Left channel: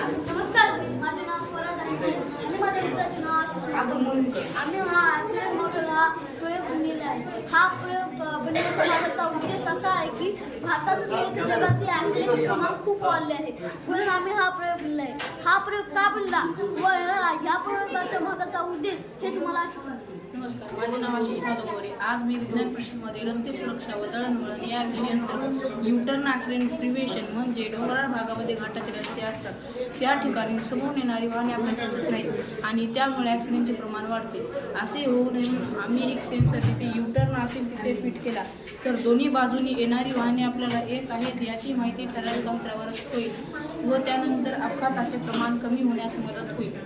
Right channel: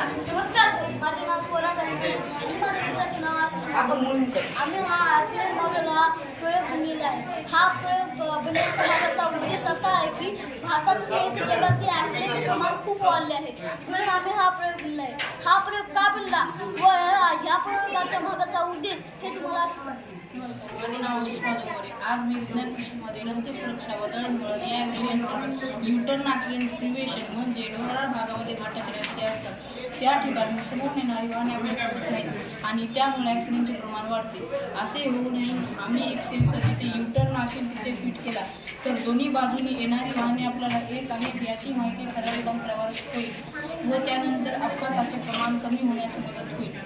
नमस्कार सर माझे नाव सोना साहेब आणि माझ्या मित्राचे नाव आशिष आम्ही हा ॲक्सिडेंट मॉडेल हा प्रयोग बनलेला आहे. हा प्रयोग अ, बनवण्याचा माझा उद्देश असा आहे की भारतातच नाही तर जगातील ॲक्सिडेंटचे प्रमाण खूप वाढले आहे. म्हणून आम्ही हा प्रयोग बनला आहे हा प्रयोग का बनला? व प्रयोगाच्या मागाचा उद्देश हे तुम्हाला असे नमस्कार माझे नाव आशिष माधव मोरे आज मी विज्ञान कृषीमध्ये रस्ते सुरक्षा व दळणवळण या विषयांतर्गत युटर्न ॲक्सिडेंट प्रिव्हेशन म्हणजे डोंगराळ भागामध्ये घाटाचे रस्ते असतात. त्या ठिकाणी समोर येणारी वाहने आपल्याला दिसत नाहीत. आणि त्यामुळे ॲक्सिडेंटचे प्रमाण वाढते. असे होऊ नये. म्हणून आम्ही एक सेन्सर जिथे युटर्न असेल तिथे फिट केला. तर दोन्ही बाजूनी येणारी वाहने आपल्याला येत आहेत याची माहिती ठराविक अंतरावरच होईल व त्यानंतर अपघाताचे प्रमाण कमी होण्यास मदत होईल.